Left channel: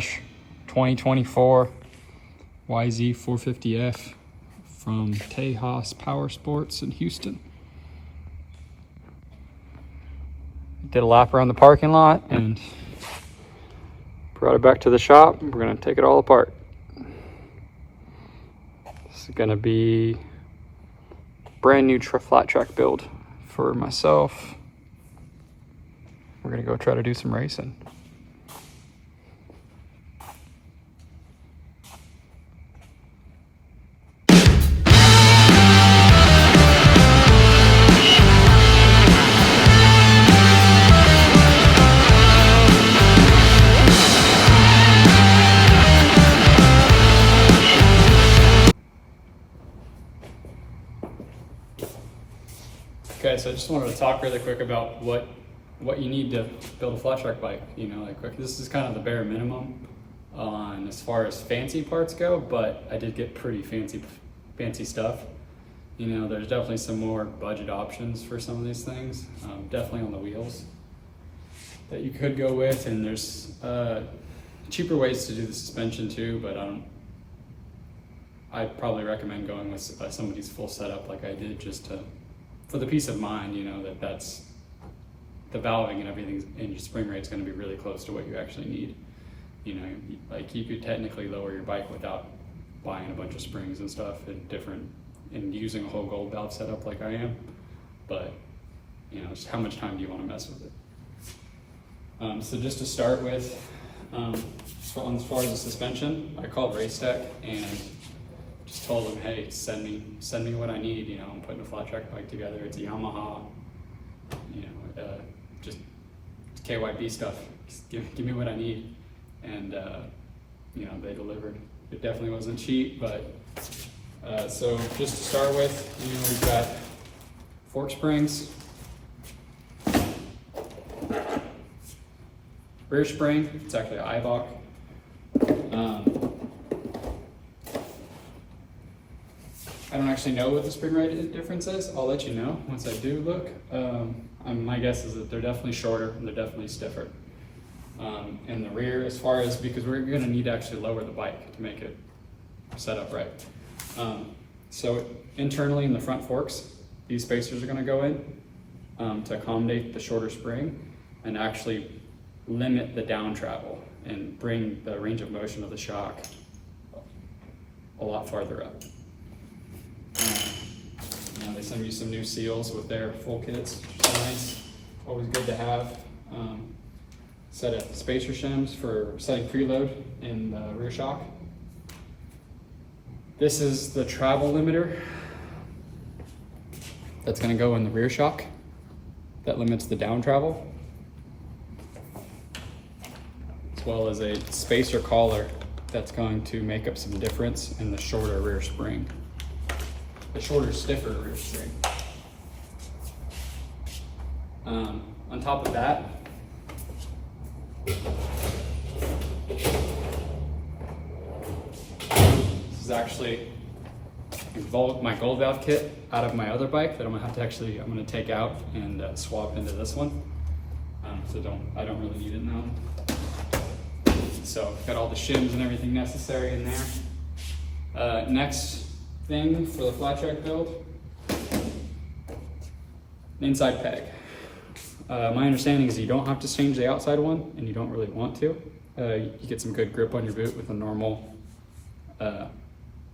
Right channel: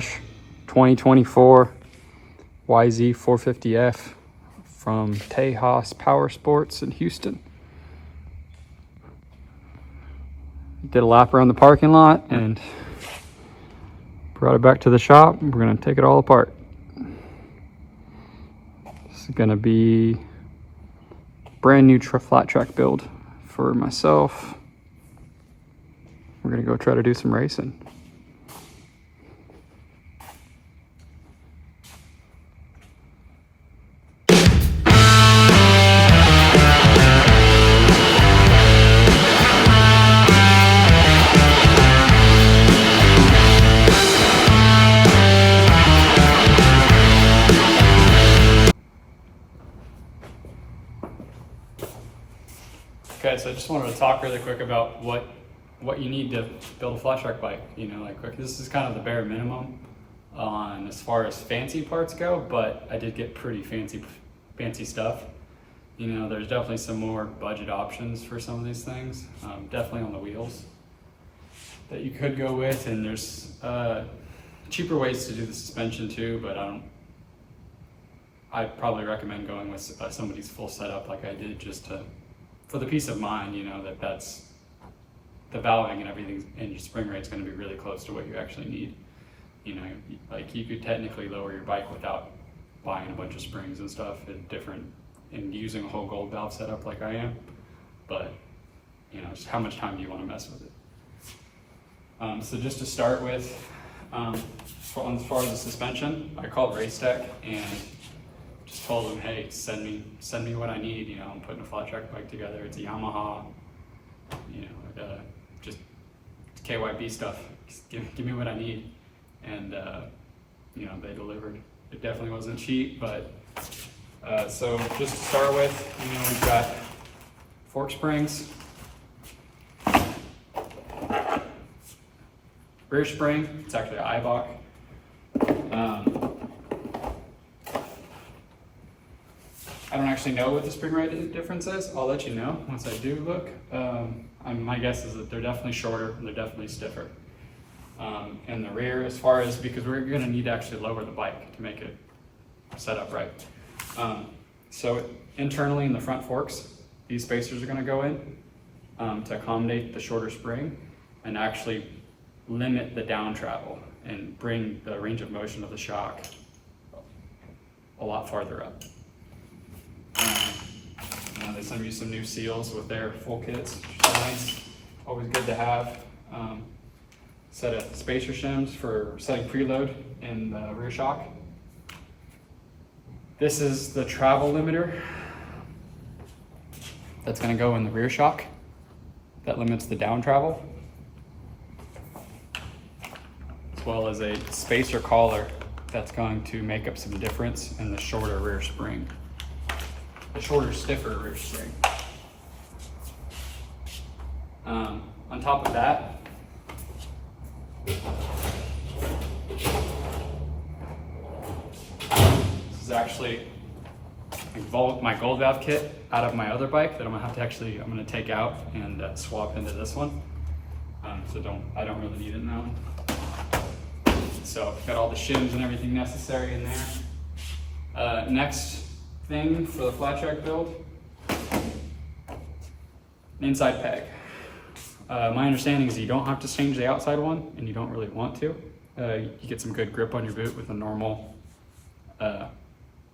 fresh 2024 Yz450F from Tejas Power Sports in Houston. Did a lap around the parking lot and brought it back to the shop. We're gonna take it all apart. This is gonna be a brand new flat track build for myself. We're gonna go try to do some racing. Okay, so I just wanted to talk really quick about what you need to build a flat track bike. You know, like this is kind of the bare minimum on as far as fancy parts go, but I did get pretty fancy stuff. You know, there's definitely some more budget options for some of these things. Definitely on the wheels that you could go with, and there's cheaper ways to do the suspension too, but I'd probably recommend going with somebody's full setup like I did, just for the peace of mind, you know, that's the valving and everything and your spring rate's going to be really close to what you actually need. You know, like you could technically lower your bike without buying a bunch of springs and stuff and using a whole gold valve setup like I am, but you know, just how much time do you want to mess with it? So just to start with, as far as the suspension, I called Racetech and just told them, hey, send me what I need. You know, I'm putting a flat track bike together. It's a Yamaha, you know, just KYB stuff. Just give me what I need. And, you know, they delivered. It definitely wasn't cheap, but, so just to start with, you know, we've got fork springs, rear spring, it's actually an Ibach. I don't actually know what the spring rate difference is. I'll let you know once I do look. My guess is that they're definitely shorter and they're definitely stiffer. In the rear, as far as, because we're gonna need to actually lower the bike to make it set up right. So internally in the front forks, these spacers are gonna go in to accommodate the shorter spring and actually limit the down travel and bring the range of motion of the shock a lot farther up. You know, they send you some new seals with their full kits, which is nice. Always good to have. Set of spacer shims for setting preload in the rear shock. This is the travel limiter that's going to go in the rear shock that limits the down travel, as well as a spacer collar that's going to make up some difference in the shorter rear spring. The shorter, stiffer rear spring. On top of that, this is actually my gold valve kit out of my other bike that I'm gonna take out and swap into this one. I don't really need it in that one. So I've got all the shims and everything necessary in there. Next thing for the flat track build, an inside peg. My understanding is you don't have to change the outside one, and you don't really want to. You get some good grip on your boot with a normal,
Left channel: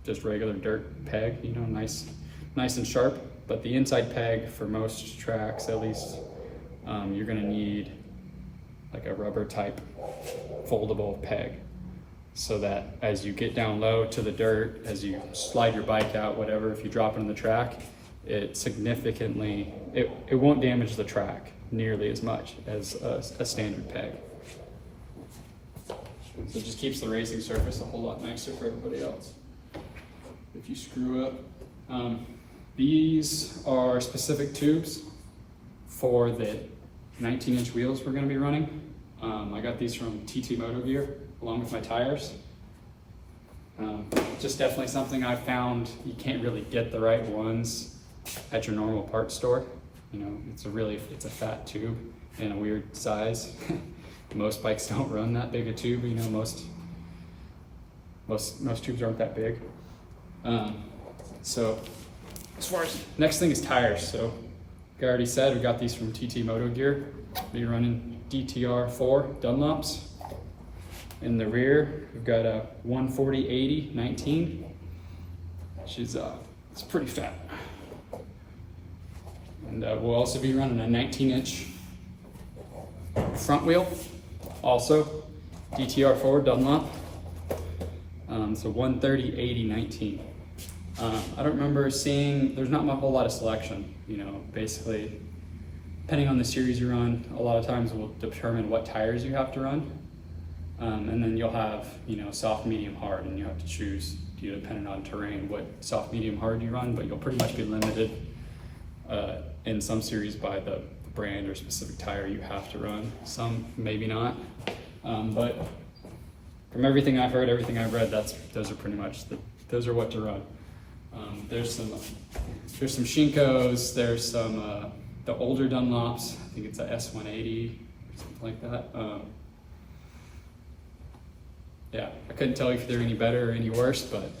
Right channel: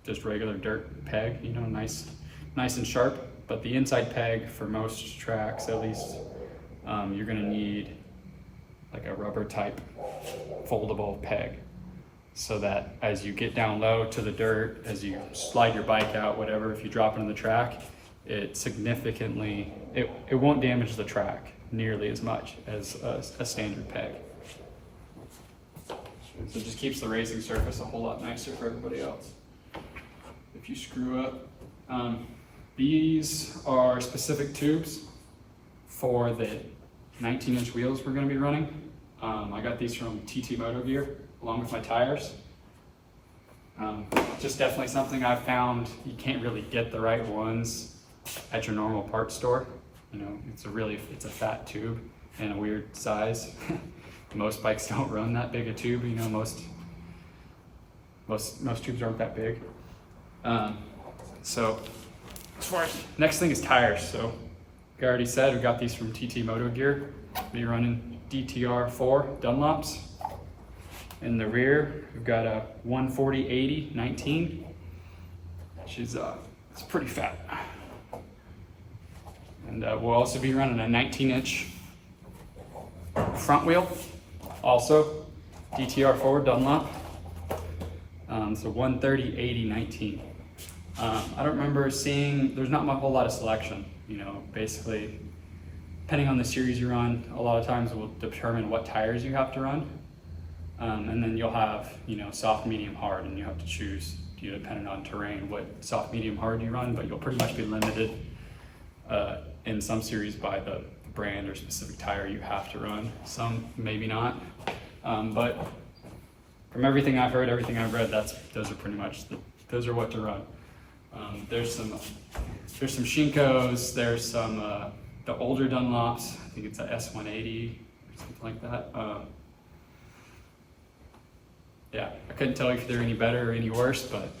just regular dirt peg, you know, nice and sharp. But the inside peg for most tracks, at least, you're gonna need like a rubber type foldable peg, so that as you get down low to the dirt, as you slide your bike out, whatever, if you drop it in the track, it significantly, it won't damage the track nearly as much as a standard peg. So it just keeps the racing surface a whole lot nicer for everybody else. If you screw up, these are specific tubes for the 19-inch wheels we're gonna be running. I got these from TT Moto Gear along with my tires. Just definitely something I've found you can't really get the right ones at your normal parts store. You know, it's a fat tube and a weird size. Most bikes don't run that big a tube. You know, most Most tubes aren't that big. So as far as next thing is tires. So like I already said, we got these from TT Moto Gear. Be running DTR4 Dunlops. In the rear, we've got a 140/80 19. She's it's pretty fat. And we'll also be running a 19-inch front wheel, also DTR4 Dunlop. So 130/80 19. I don't remember seeing, there's not a whole lot of selection, you know, basically, depending on the series you run, a lot of times will determine what tires you have to run. And then you'll have, you know, soft, medium, hard, and you have to choose, you know, depending on terrain, what soft, medium, hard you run, but you'll pretty much be limited in some series by the brand or specific tire you have to run. Some maybe not, but from everything I've heard, everything I've read, those are pretty much those are what to run. There's some Shinkos, there's some the older Dunlops. I think it's a S180 or something like that. Yeah, I couldn't tell you if they're any better or any worse, but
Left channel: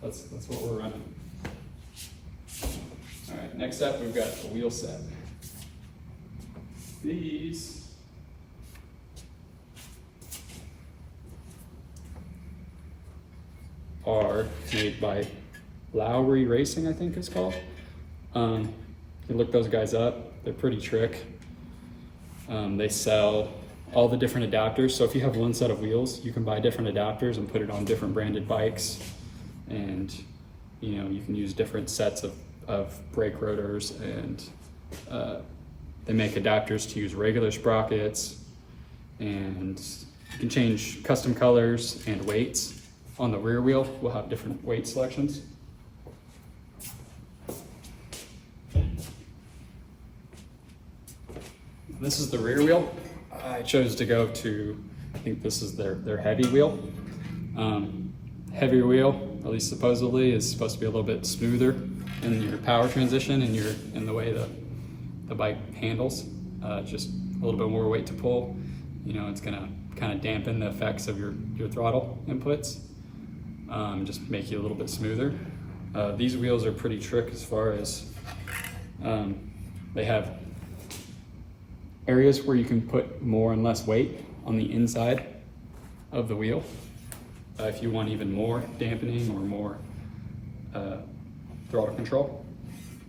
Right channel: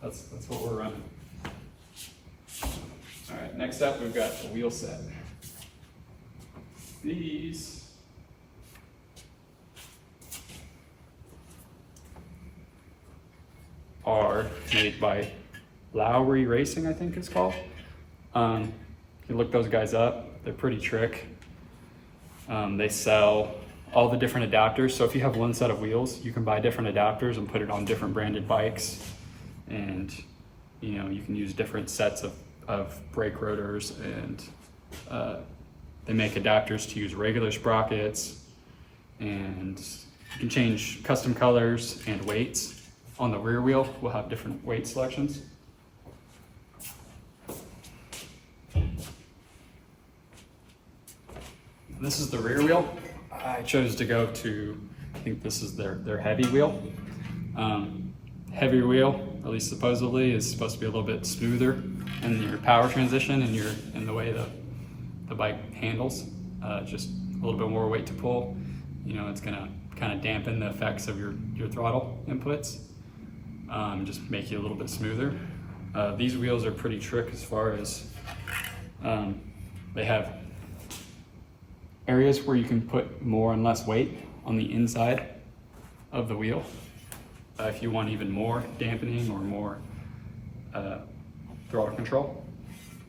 that's what we're running. All right, next up we've got the wheel set. These are made by Lowry Racing, I think it's called. You look those guys up, they're pretty trick. They sell all the different adapters. So if you have one set of wheels, you can buy different adapters and put it on different branded bikes. And you know, you can use different sets of brake rotors, and they make adapters to use regular sprockets, and you can change custom colors and weights. On the rear wheel, we'll have different weight selections. This is the rear wheel. I chose to go to, I think this is their heavy wheel. Heavier wheel, at least supposedly, is supposed to be a little bit smoother in your power transition and in the way the bike handles. Just a little bit more weight to pull. You know, it's gonna kind of dampen the effects of your throttle inputs. Just make you a little bit smoother. These wheels are pretty trick as far as they have areas where you can put more and less weight on the inside of the wheel. If you want even more dampening or more throttle control.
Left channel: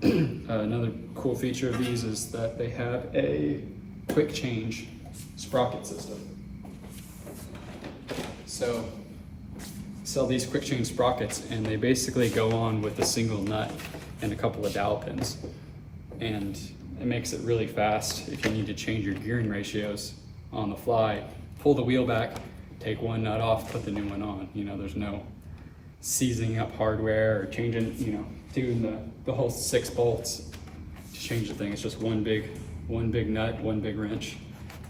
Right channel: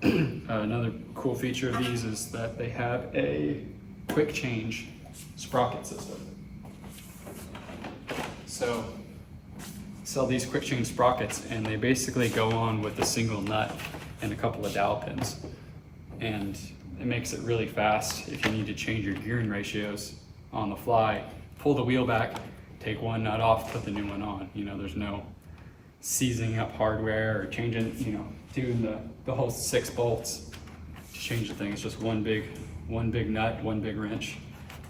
Another cool feature of these is that they have a quick change sprocket system. So sell these quick change sprockets, and they basically go on with a single nut and a couple of dowel pins. And it makes it really fast if you need to change your gearing ratios on the fly. Pull the wheel back, take one nut off, put the new one on. You know, there's no seizing up hardware or changing, you know, doing the whole 6 bolts to change the thing. It's just one big nut, one big wrench,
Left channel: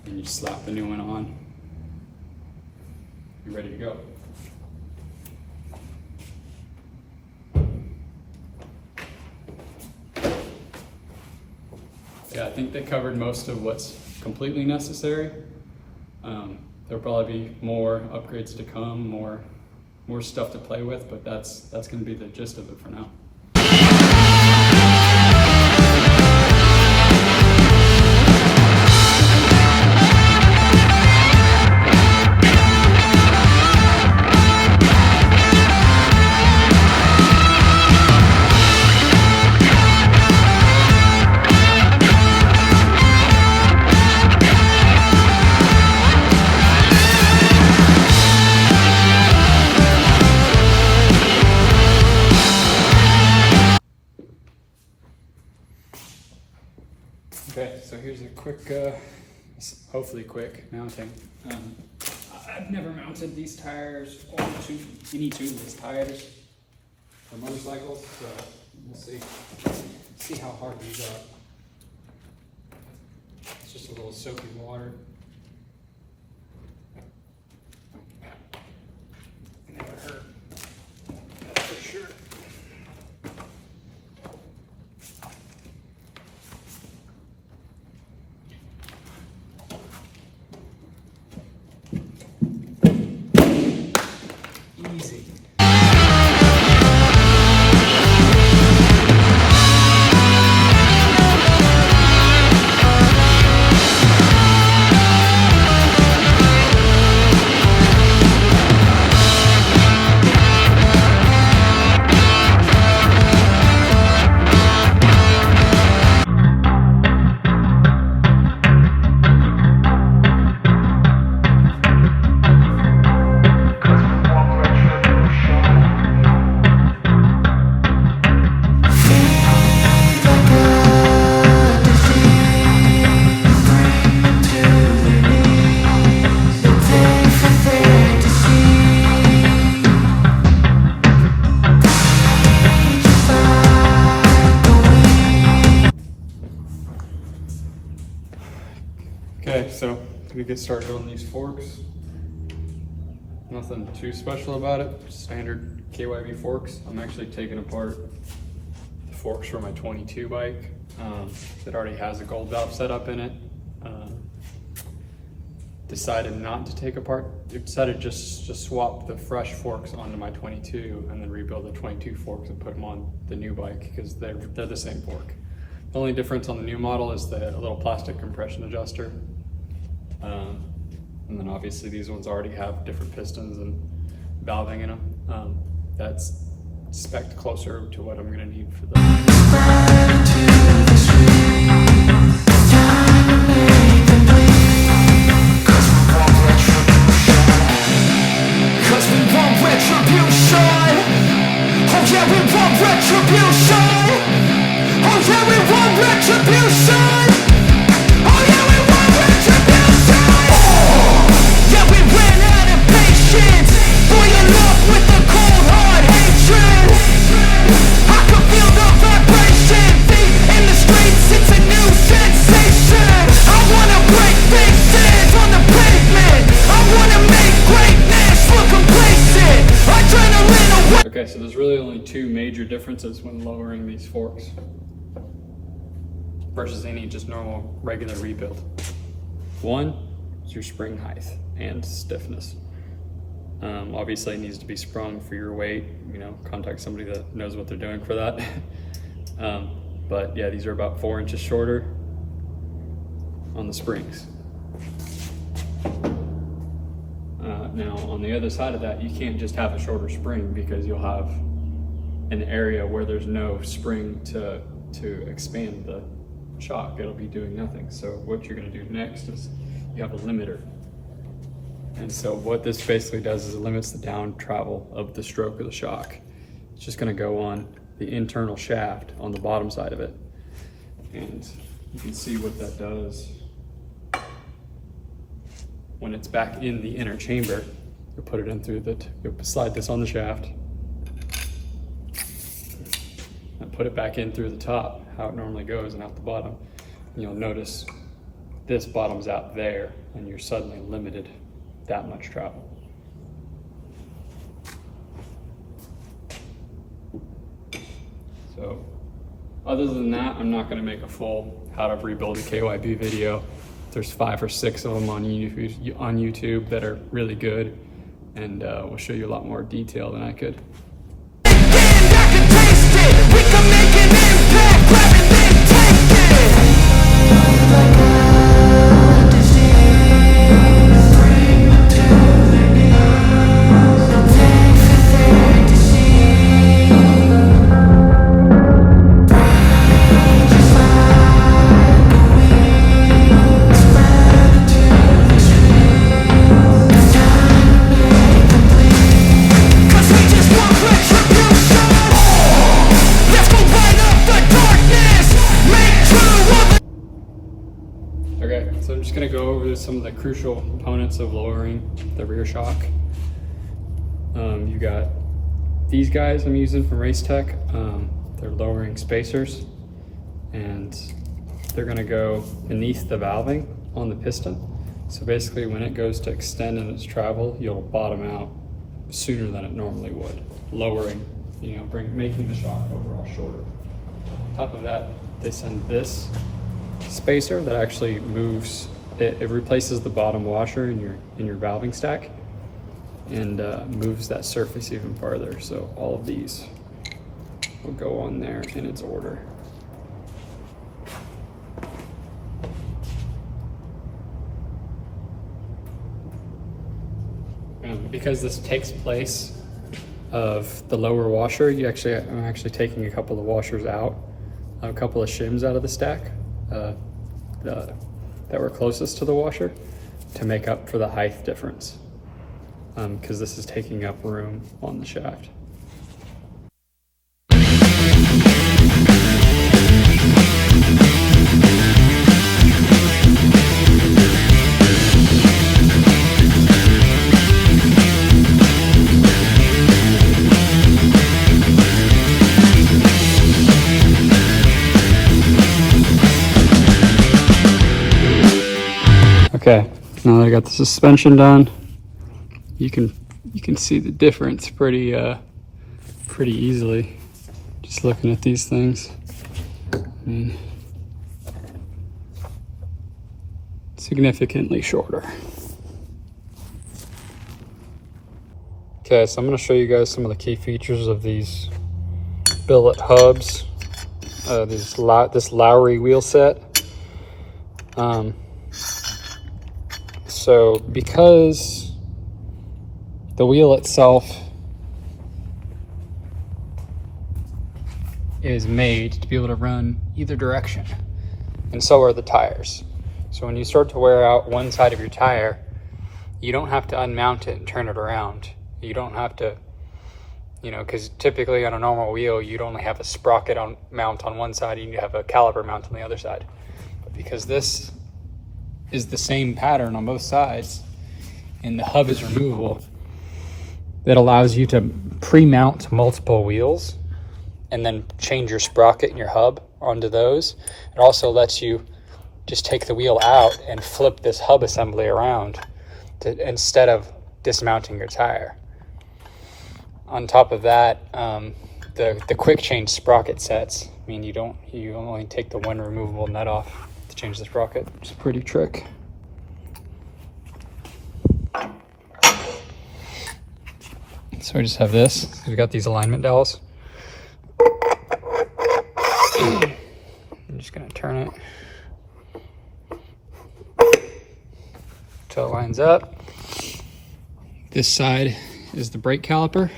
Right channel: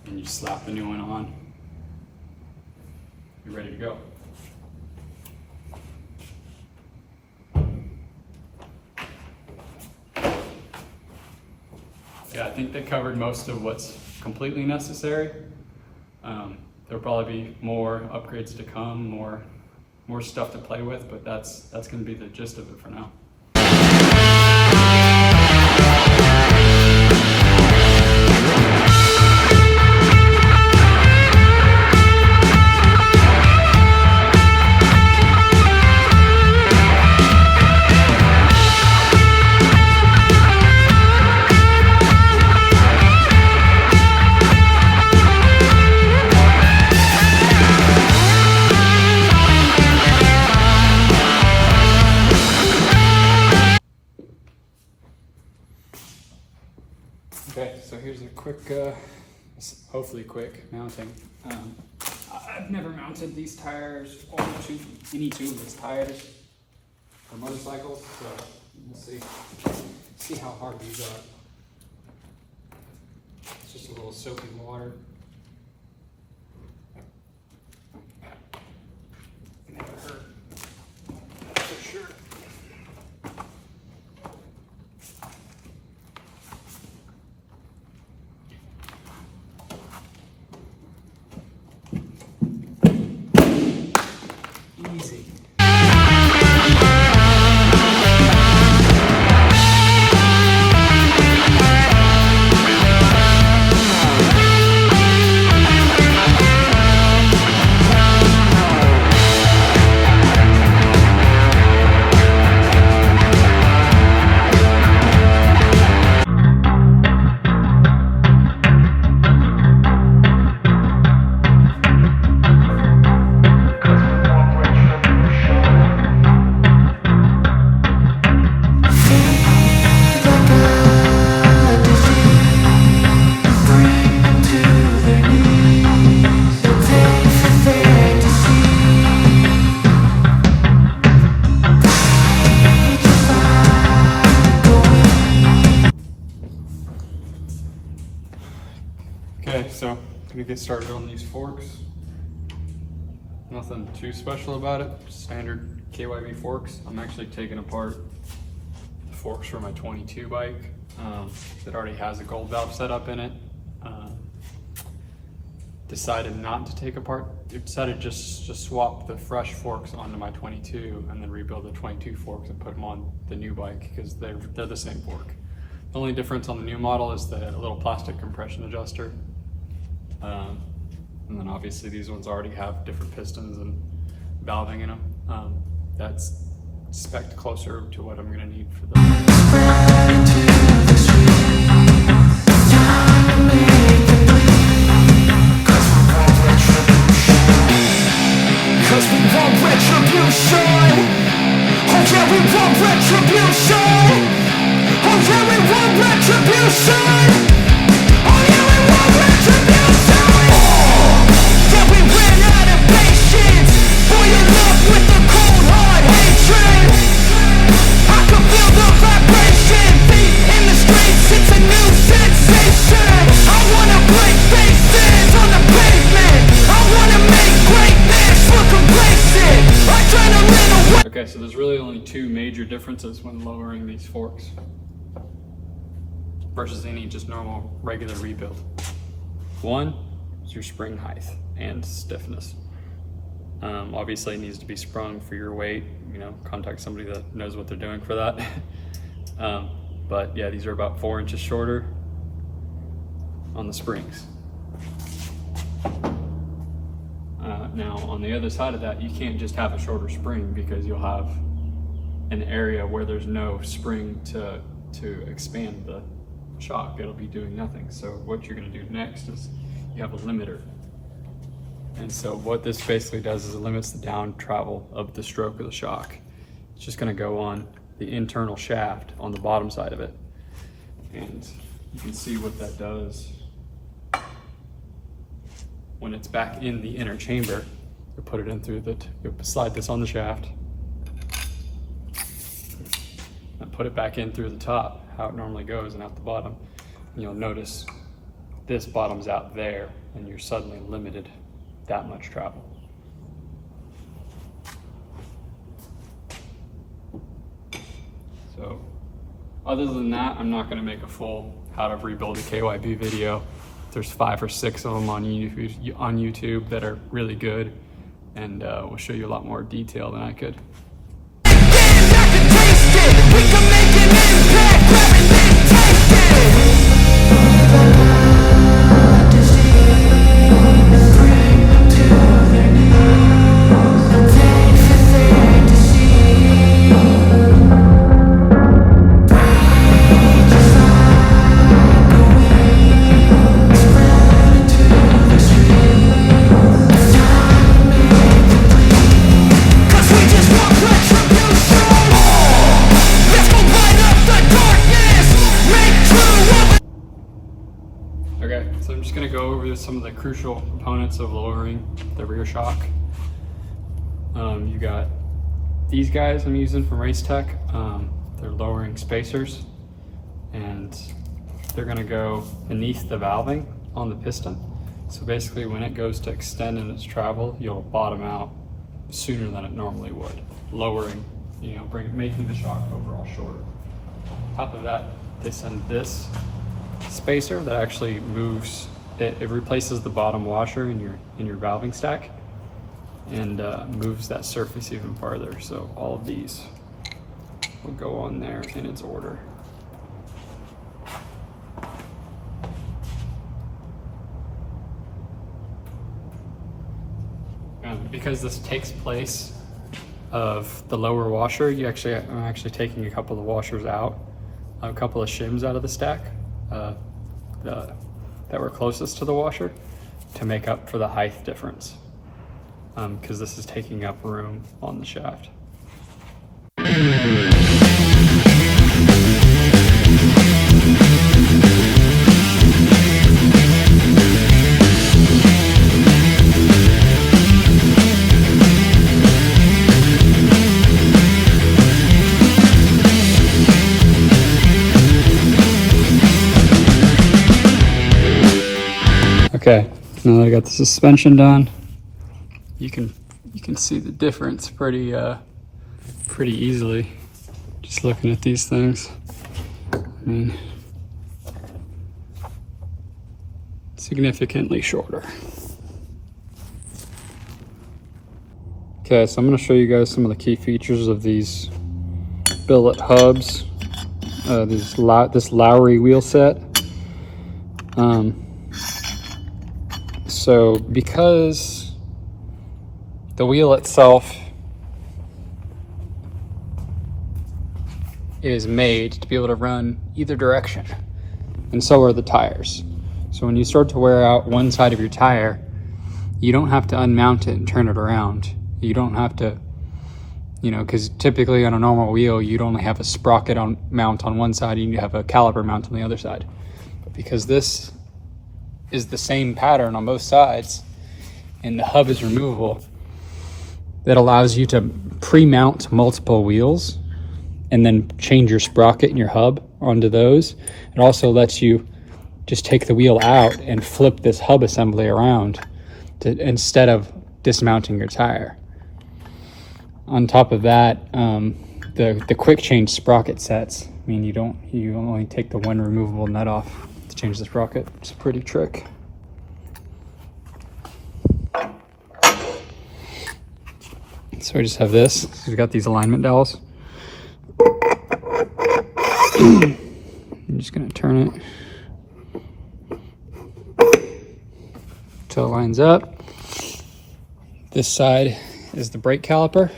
and you slap the new one on. You're ready to go. Yeah, I think they covered most of what's completely necessary. There'll probably be more upgrades to come, more stuff to play with, but that's going to be the gist of it for now. Okay, so here's a quick, hopefully quick mounting. I've never mounted these tires on any tubeless tires for motorcycles, so we'll see how hard these are. It's just a little soapy water. Never hurt, that's for sure. Easy. Okay, so I'm gonna get started on these forks. Nothing too special about it, just standard KYB forks. I'm actually taking apart the forks for my 22 bike that already has a gold valve setup in it. Decided not to take apart, decided just swap the fresh forks onto my 22 and then rebuild the 22 forks and put them on the new bike because they're the same fork. The only difference on the new model is the little plastic compression adjuster. And then obviously these ones already have different pistons and valving in them. That's spec'd closer to what I'm gonna need for the Cause we want retribution. Oh yeah, we want retribution. Oh yeah, we want retribution. Oh yeah, we want retribution. Yeah, we ran out of patience. Boil up with the cold hard hatred. I can feel the vibration. Feet in the streets, it's a new sensation. I wanna break faces on the pavement. I wanna make greatness look complacent. Adrenaline away. Okay, so there's really only two major differences when lowering these forks versus any just normal regular rebuild. One is your spring height and stiffness. Obviously it needs to be sprung for your weight, you know, contact somebody that knows what they're doing for that. But yeah, these are about 4 inches shorter on the springs. Now on the other side of that, you can't just have a shorter spring because you'll have an area where there's no spring to expand the shock. It'll be doing nothing. So what you're gonna do next is you have a limiter. And so what this basically does is it limits the down travel of the stroke of the shock. It's just gonna go on the internal shaft on the bottom side of it. And you can see what that does. When it's back in the inner chamber, you put it in through you slide this on the shaft and put it back in through the top, how it normally goes, and out the bottom. And you'll notice this bottoms out there and you're suddenly limited that much travel. So other than that, I'm not gonna make a full how to rebuild a KYB video. There's 5 or 6 of them on YouTube that are really good, and will show you a lot more detail than I could. Okay, so I'm just gonna go over some of the crucial components of lowering the rear shock. You got these guys I'm using from Race Tech. They're lowering spacers, and they're gonna go beneath the valving on the piston. So basically when it goes to extend in its travel, you'll bottom out sooner than it normally would, lowering, you know, making the shock overall shorter. On top of that, they send this spacer that actually moves, it replaces the bottom washer in your valving stack and moves that surface even farther. So all of these will go on there in its order. Because this takes place of the lower washer, I'm actually taking a couple of washers out, a couple of shims out of the stack that were closest to the washer to make up for the height difference, because this is taking up room on the shaft. Okay, now that I got the suspension done, you can see the difference pretty easily just looking at these things. I mean, significantly shorter. Okay, so I'm going to show you guys some of the key features of these billet hubs, this Lowry wheel set. So because the wheel itself is made to be able to run either direction, and so are the tires. So when you start to wear out one side of your tire, you don't have to unmount it and turn it around. You don't have to, you know, because typically on a normal wheel, you'd only have a sprocket mount on one side and you have a caliper mount on the other side. Because this is the same pattern on both sides and the hub is removable, that allows you to pre-mount multiple wheels and then change your sprocket and your hub onto those. It also lets you just take the wheel out and flip this hub assembly around instead of dismounting your tire. On top of that, the quick change sprocket sets mean you only take the one removable nut off to change the sprocket. It's a pretty trick. So we just have this. We've got these alignment dowels. I'm just gonna turn it till it lines up. This side is the brake caliper.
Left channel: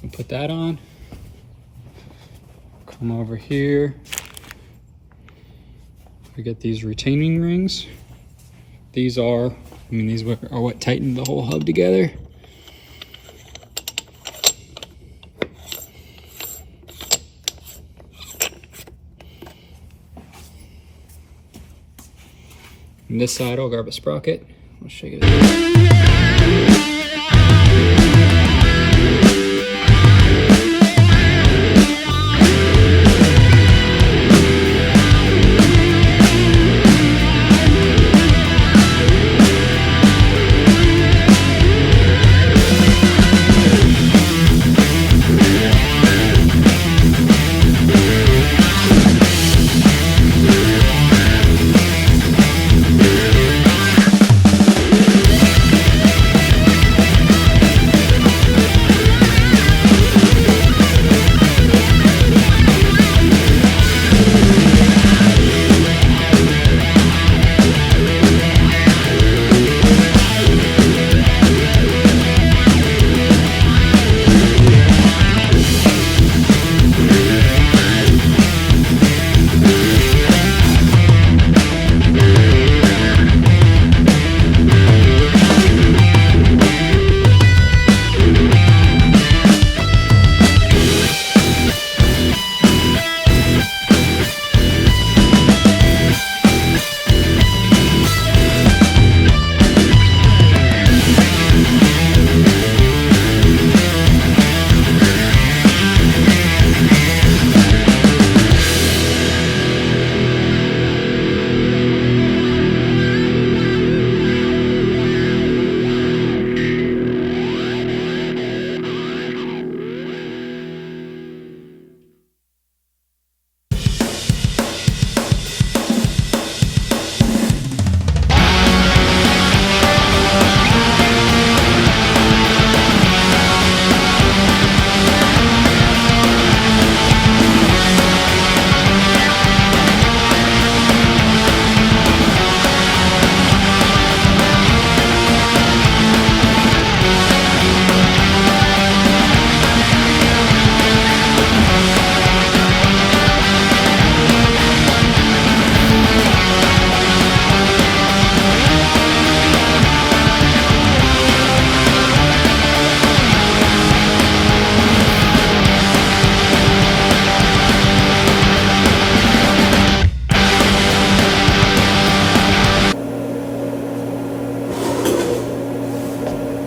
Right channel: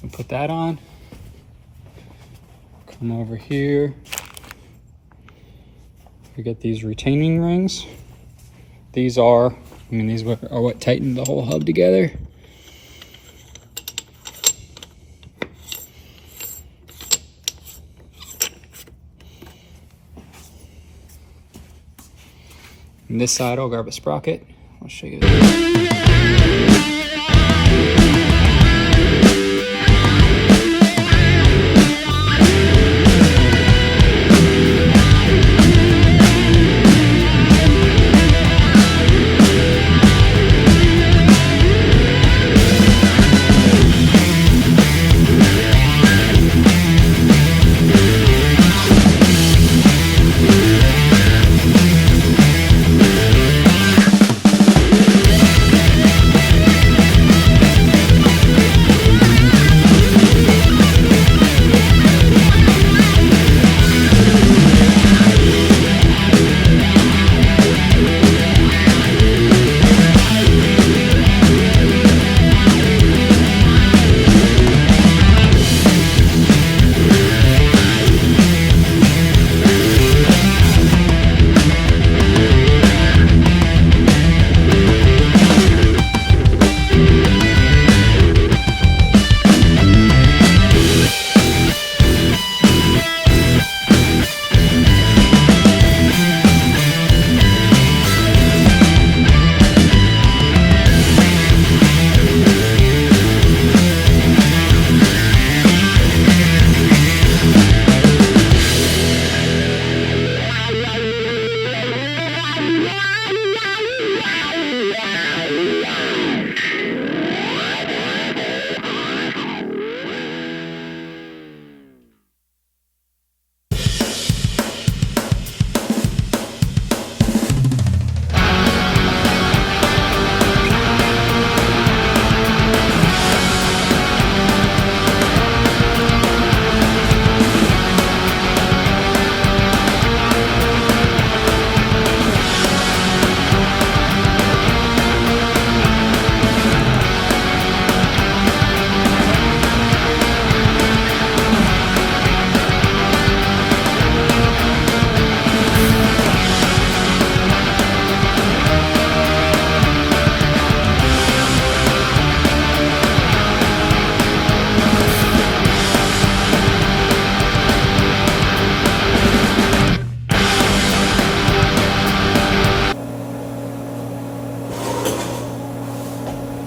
We'll put that on. Come over here. We get these retaining rings. These are what tighten the whole hub together. And this side, I'll grab a sprocket. I'll show you this.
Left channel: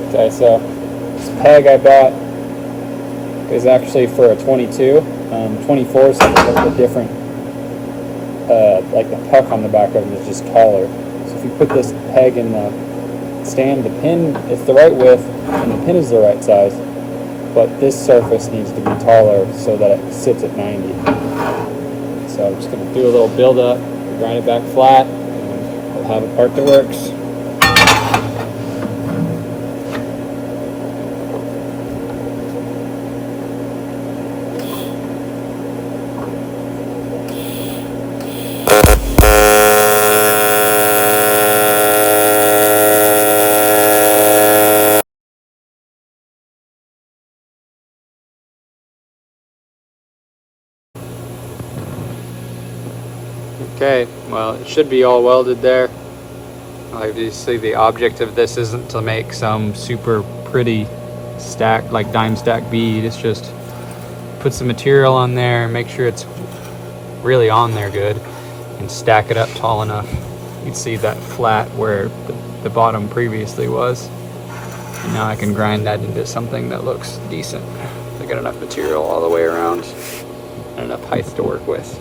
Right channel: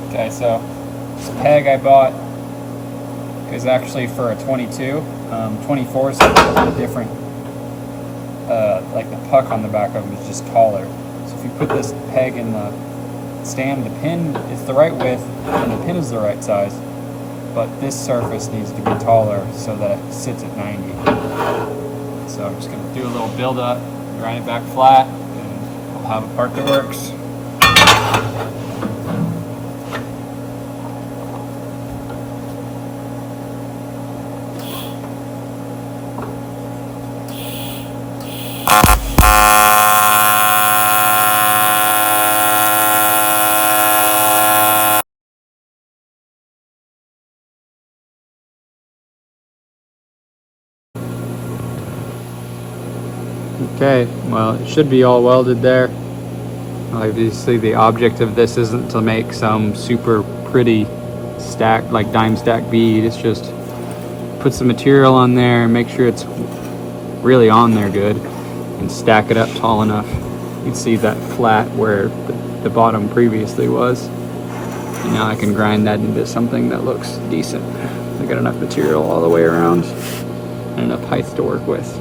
Okay, so this peg I bought is actually for a 22. 24 is a little bit different like the puck on the back of them is just taller. So if you put this peg in the stand, the pin, it's the right width and the pin is the right size, but this surface needs to be taller so that it sits at 90. So I'm just gonna do a little build up, grind it back flat, and we'll have a part that works. Okay, well, it should be all welded there. I do see the object of this isn't to make some super pretty stack, like dime stack bead. It's just put some material on there and make sure it's really on there good and stack it up tall enough. You can see that flat where the bottom previously was. Now I can grind that into something that looks decent. I got enough material all the way around and enough height to work with.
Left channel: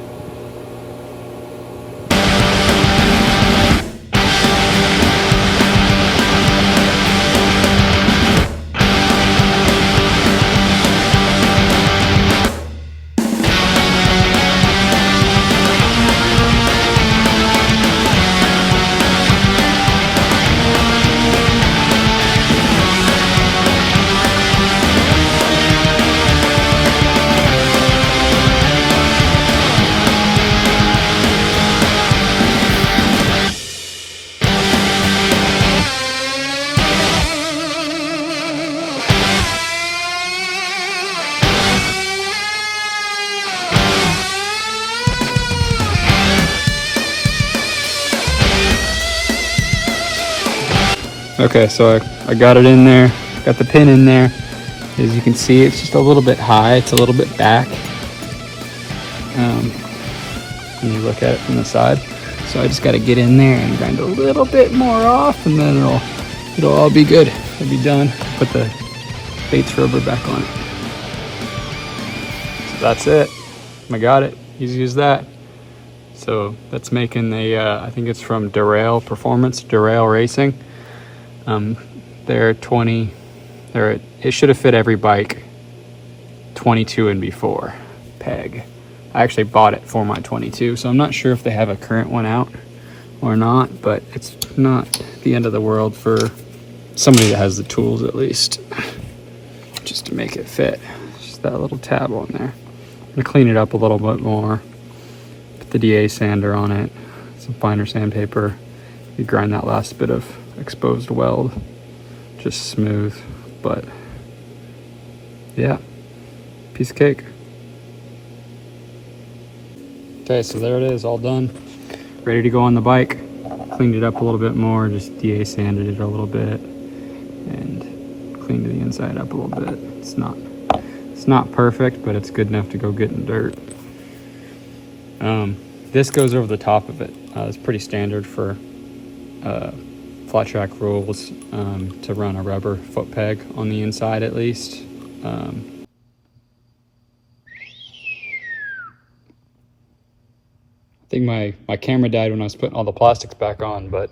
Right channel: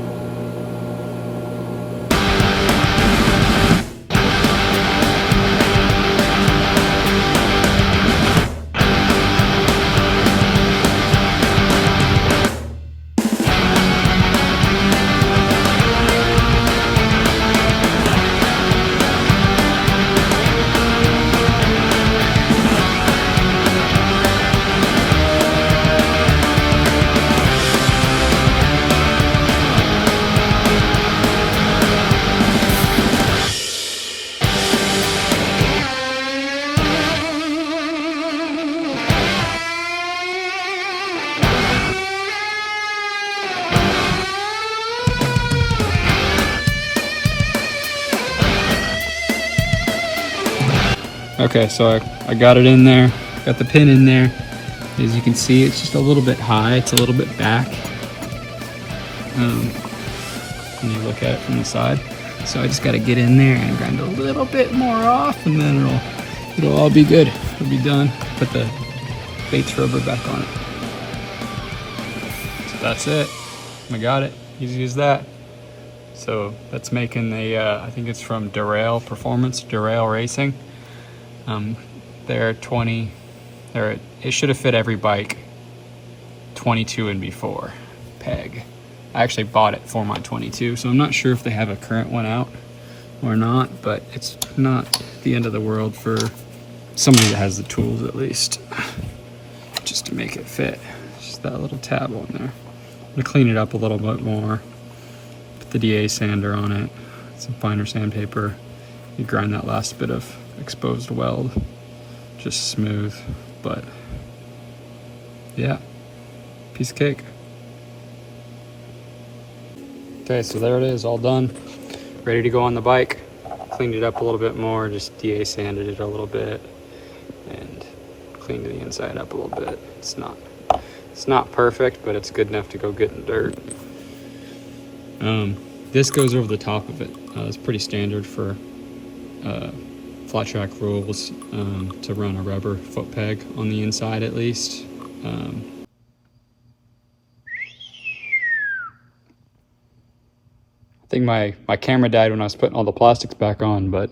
Okay, so I got it in there, got the pin in there. As you can see, it's just a little bit high, it's a little bit back. When you look at it from the side. So I just gotta get in there and grind a little bit more off, and then it'll all be good. It'll be done. Put the Bates rubber back on it. So that's it. I got it. Easy as that. So that's making the, I think it's from Derail Performance, Derail Racing. They're 20, it should have fit every bike 22 and before peg. I actually bought it for my 22, so I'm not sure if they have a current one out or not, but it's not the end of the world for somebody that has the tools at least, just to make it fit. Just that little tab on there. I'm gonna clean it up a little bit more, put the DA sander on it, some finer sandpaper. You grind that last bit of exposed weld, just smooth, but yeah, piece of cake. Okay, so there it is, all done, ready to go on the bike. Cleaned it up a little bit more, just DA sanded it a little bit and cleaned the inside up a little bit. It's not perfect, but it's good enough to go get in dirt. This goes over the top of it. It's pretty standard for Flattrack rules to run a rubber foot peg on the inside at least. I think my camera died when I was putting all the plastics back on, but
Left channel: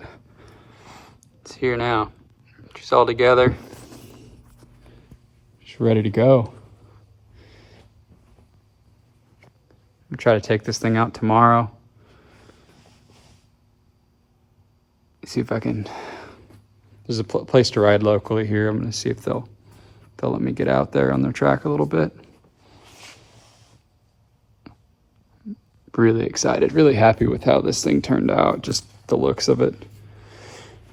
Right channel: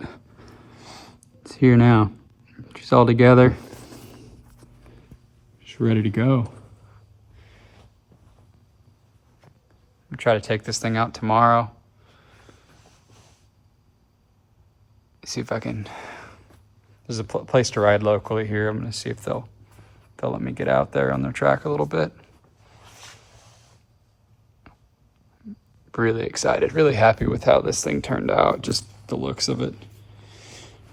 it's here now. Just all together. Just ready to go. I'll try to take this thing out tomorrow. See if I can, there's a place to ride locally here. I'm gonna see if they'll let me get out there on their track a little bit. Really excited, really happy with how this thing turned out, just the looks of it.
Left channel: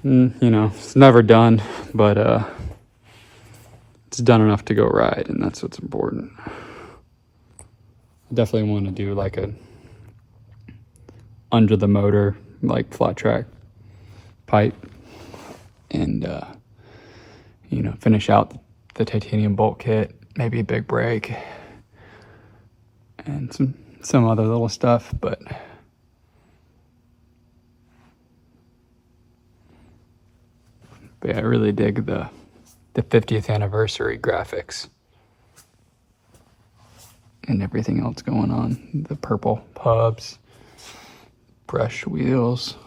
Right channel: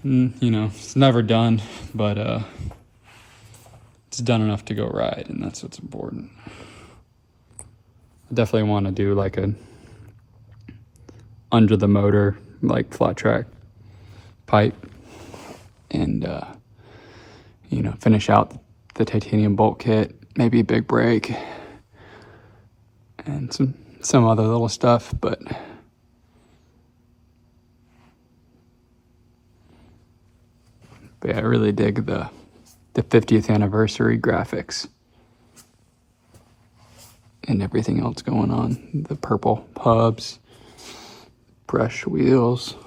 And, you know, it's never done, but it's done enough to go ride, and that's what's important. I definitely want to do like a under the motor, like Flattrack pipe, and you know, finish out the titanium bolt kit, maybe a big brake, and some other little stuff, but yeah, I really dig the 50th anniversary graphics and everything else going on. The purple hubs, brush wheels.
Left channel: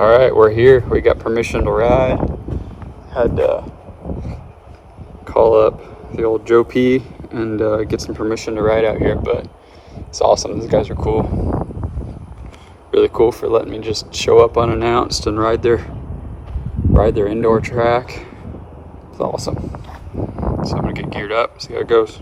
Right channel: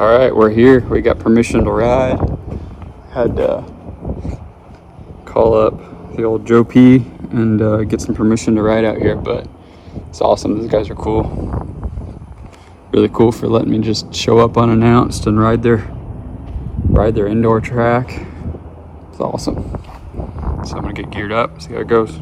Alright, we're here. We got permission to ride. Had to call up the old Joe P and get some permission to ride out here, but it's awesome. These guys are cool. Really cool for letting me just show up unannounced and ride their indoor track. It's awesome. So I'm gonna get geared up, see how it goes.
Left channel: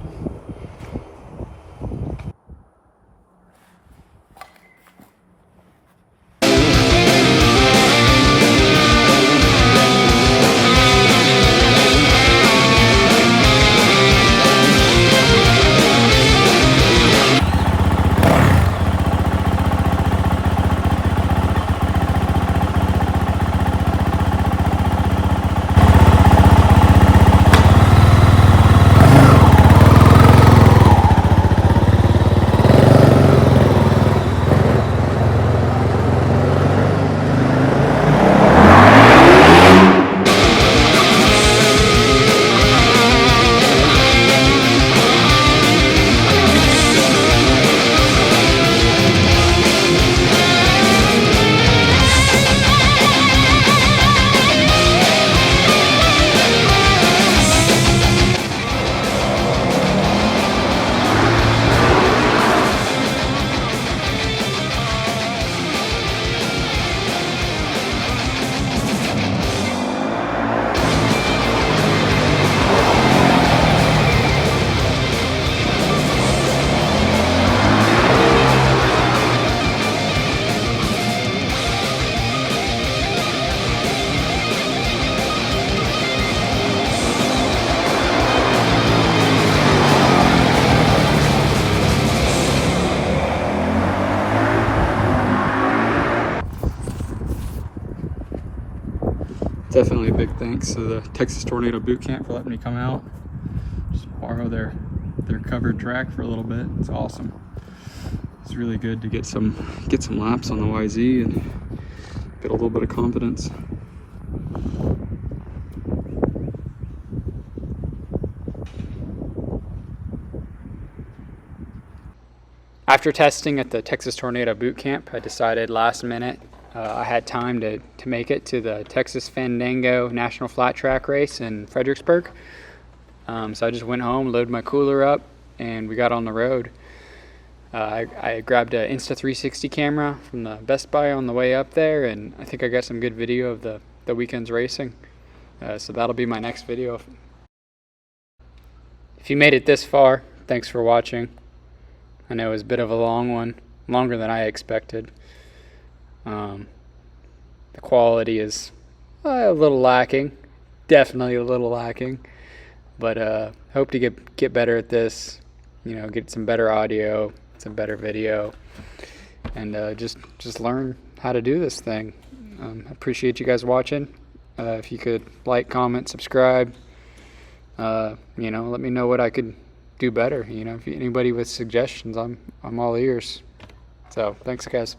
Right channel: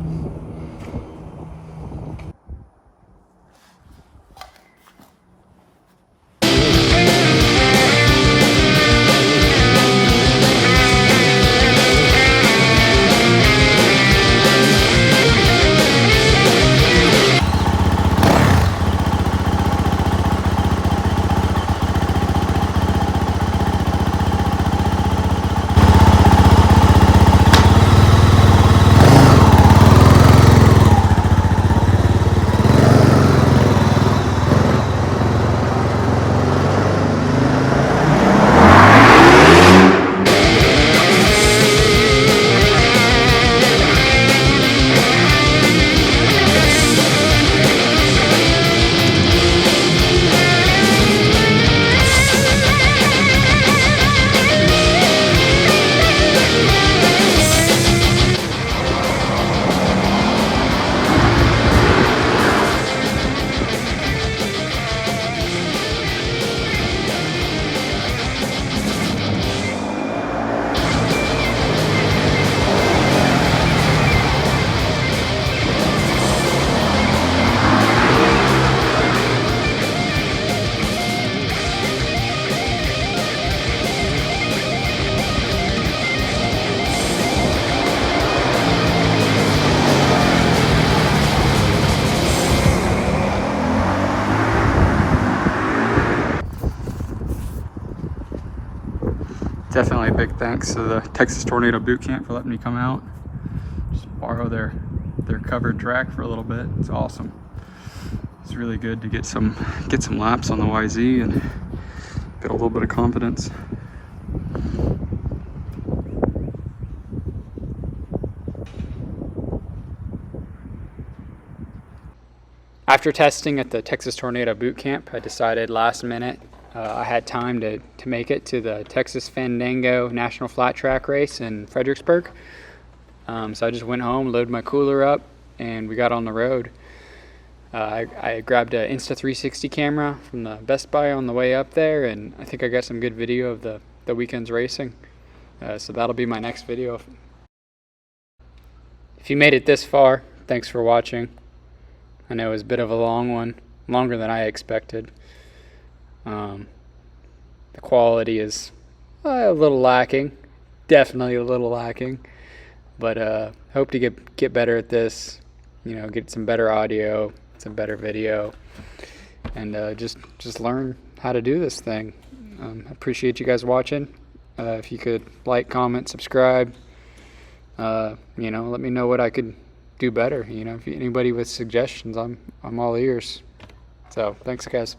Definitely a big thanks to the Texas Tornado Boot Camp for letting me come out, just borrow their covered track for a little bit. It's awesome. It's really good to get some laps on the YZ and get a little bit of confidence. After testing at the Texas Tornado Boot Camp, I decided last minute I had time to make it to the Texas Fandango National Flat Track race in Fredericksburg. So I just went home, loaded my cooler up, and we got on the road. I grabbed an Insta360 camera from the Best Buy on the way up there, and I think I got some good video of the weekend's racing. So that'll be my next video. If you made it this far, thanks for watching. I know it was a bit of a long one, longer than I expected. The quality is a little lacking, definitely a little lacking, but hope to get better at this, get some better audio, some better video, and just learn how to do this thing. Appreciate you guys watching. If you could like, comment, subscribe, let me know what I could do better. If anybody with suggestions, I'm all ears. So thanks, guys.